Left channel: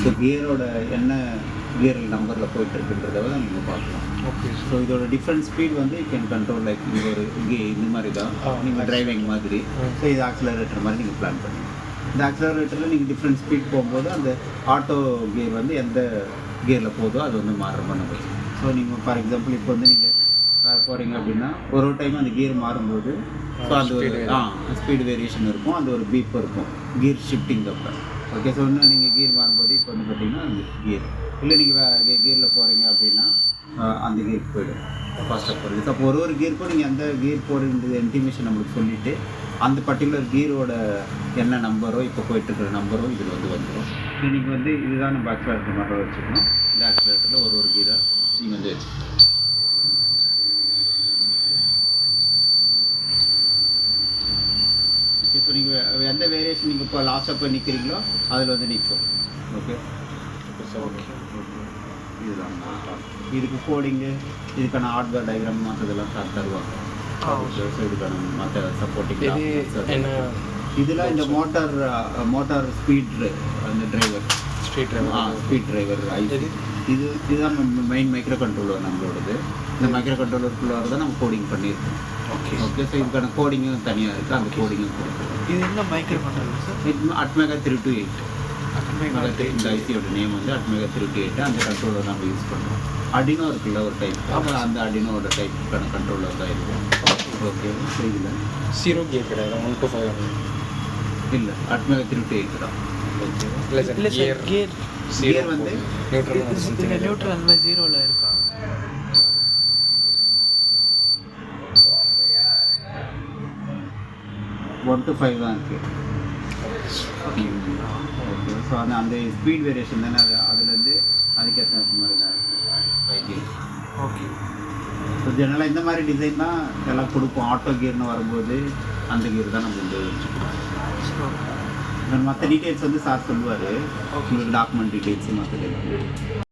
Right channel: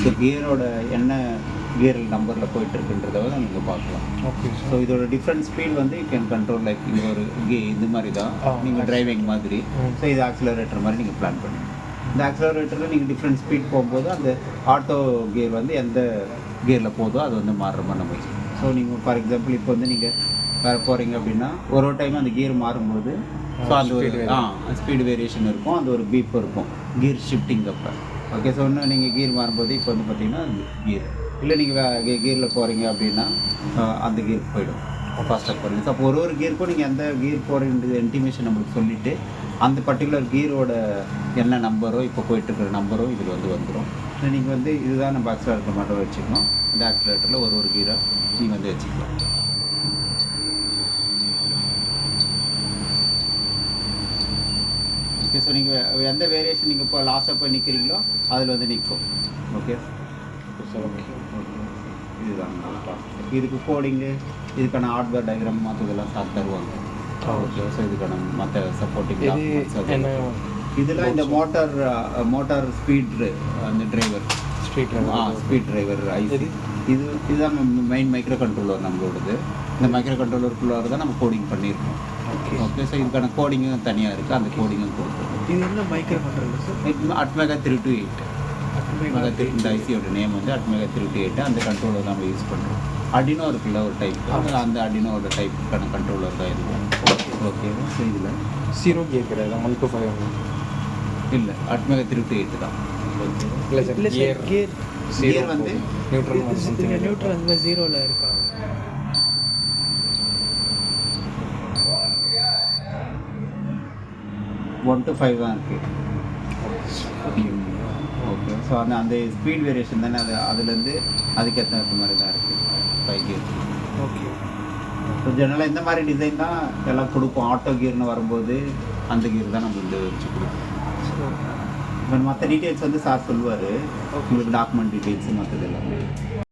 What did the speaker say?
So கியரோட என்ன gear நம்பரில் போயிட்டுருக்குன்றத வந்து நீங்கள் பார்க்கலாம். ஓகே. ஸோ இதோட டிஃப்ரெண்ட் ஸ்பீட் வந்து யூ கேன் கண்ட்ரோல் லைக் இந்த ஒரு இந்த மாதிரி தான் நீங்கள் டிரைவிங் மாதிரி. ஸோ இது ஆக்சிலரேட்டர் மாதிரி நீங்கள் பிளான் பண்ணுங்கள். இந்த ஆக்சிலரேட்டரில் நீங்கள் டிஃப்ரெண்ட் ஸ்பீட் போகும்போது அந்த ஆட்டோ கியர் வந்து எந்த கியரில் போதோ அது வந்து மாறுற மாதிரி நம்ம வச்சுக்கணும். ஸோ நீங்கள் ஃபார் எக்ஸாம்பிள் இப்போ வந்து நீங்கள் வேறு போகிறீங்க அப்படின்னா ஒரு டைம் அந்த கியர் மாறும்போது ஸோ அந்த ஒரு ஸ்பீடு வேரியேஷன் இருக்கும், அந்த ஒரு பீப் இருக்கும் கியர் ஷிஃப்டிங் அப்போ. ஓகே. ஸோ இன்னும் நீங்கள் கியர் மாறும்போது இப்போ வந்து பார்த்தீங்கன்னா அந்த கியர் இல்லை நீங்கள் கியரில் போகிறீங்க அப்படின்னா அந்த கியர் போயிடும் ஃபாஸ்ட்டாக போகிறீங்க. ஸோ அப்போ ஒரு கியருக்கும் நீங்கள் எந்த கியர் போகிறன்றது இன்டிமேஷன் நம்மளுக்கு சொல்லிவிட்டு அந்த பர்டிகுலர் கியரோட என்ன நம்பரோ இப்போ போயிட்டுருக்கிற நம்பரோ இதில் வந்து வந்துடும். இல்லை நீங்கள் வந்து இதுதான் நம்ம ஆக்சிலேட்டர் மட்டும் வச்சுக்கணும். இந்த ஆக்சிலேட்டரில் ஒரு கீரை நீங்கள் வந்து வச்சுக்கலாம். ஓகே. ஸோ நீங்கள் எந்த வேரியேஷன் நீங்கள் இப்போ லாஸ்ட்டாக போய் நிற்கிறீங்களோ அதில் வந்து நிற்கும். ஓகே. ஓகே. இதுதான் இதுக்கு கோடிங்கு, இதுக்கான ஹார்ட்வேர் டயக்ராம் மற்றதெல்லாம் தருவாங்க. ஓகே. ஸோ இதுக்கான மற்ற சப்போர்ட்டிங் இதெல்லாம் இந்த மோட்டார் ஸ்பீட் அந்த டிரைவர் ஸ்பீட் டிரைவர் ஐசி இதுதான் மெயின் மைக்ரோ கண்ட்ரோலர் நம்மளோடது. இந்த மைக்ரோ கண்ட்ரோலருக்குள்ளே தான் நம்ம கோடிங் பண்ணியிருக்கோம். ஓகே. ஓகே. ஸோ இதுக்கான கோடிங்கும் தனியாக இருக்குது, அந்த கோடிங்கும் போடுறோம். இது என்ன மைக்ரோ கண்ட்ரோலர் சார்? அட்மேகா 328. இந்த ஐசியோட நேம் வந்து அட்மேகா 328. அந்த கண்ட்ரோலர் நம்ம யூஸ் பண்ணுவோம். அடினோ இருக்குல்ல ஒரு டைப், அந்த அடினோட டைப்புக்கான கண்ட்ரோலர் தான் இருக்கும். ஓகே. ஸோ இதில் 0 கியர் கிடையாது, 1 to 5 இல்லை அட்மேகா 328 தான். இல்லை சார் கியர் வந்து நியூட்ரல் அந்த 0ல இருக்கா? 1 to 5 தான் இருக்குது. ஓகே. ஸோ அந்த ஸ்பீட் வேரியேஷன் தானே அதுலேருந்து அதுக்கேற்ற மாதிரி தான் இருக்குது 5 கியர். ஓகே. ஸோ ஜெனரலாக இந்த மாதிரி டிசைன் தான் எல்லாம் கொடுப்போம். ஆட்டோ கியர்னு வரும்போது அந்த கியர் தான் நம்ம இந்த வச்சு கொடுப்போம். மற்ற டீட்டெயில்ஸ் வந்து சார் சொல்லுவார், உங்களுக்கு டாக்குமெண்ட் டீட்டெயில்ஸு மற்றது.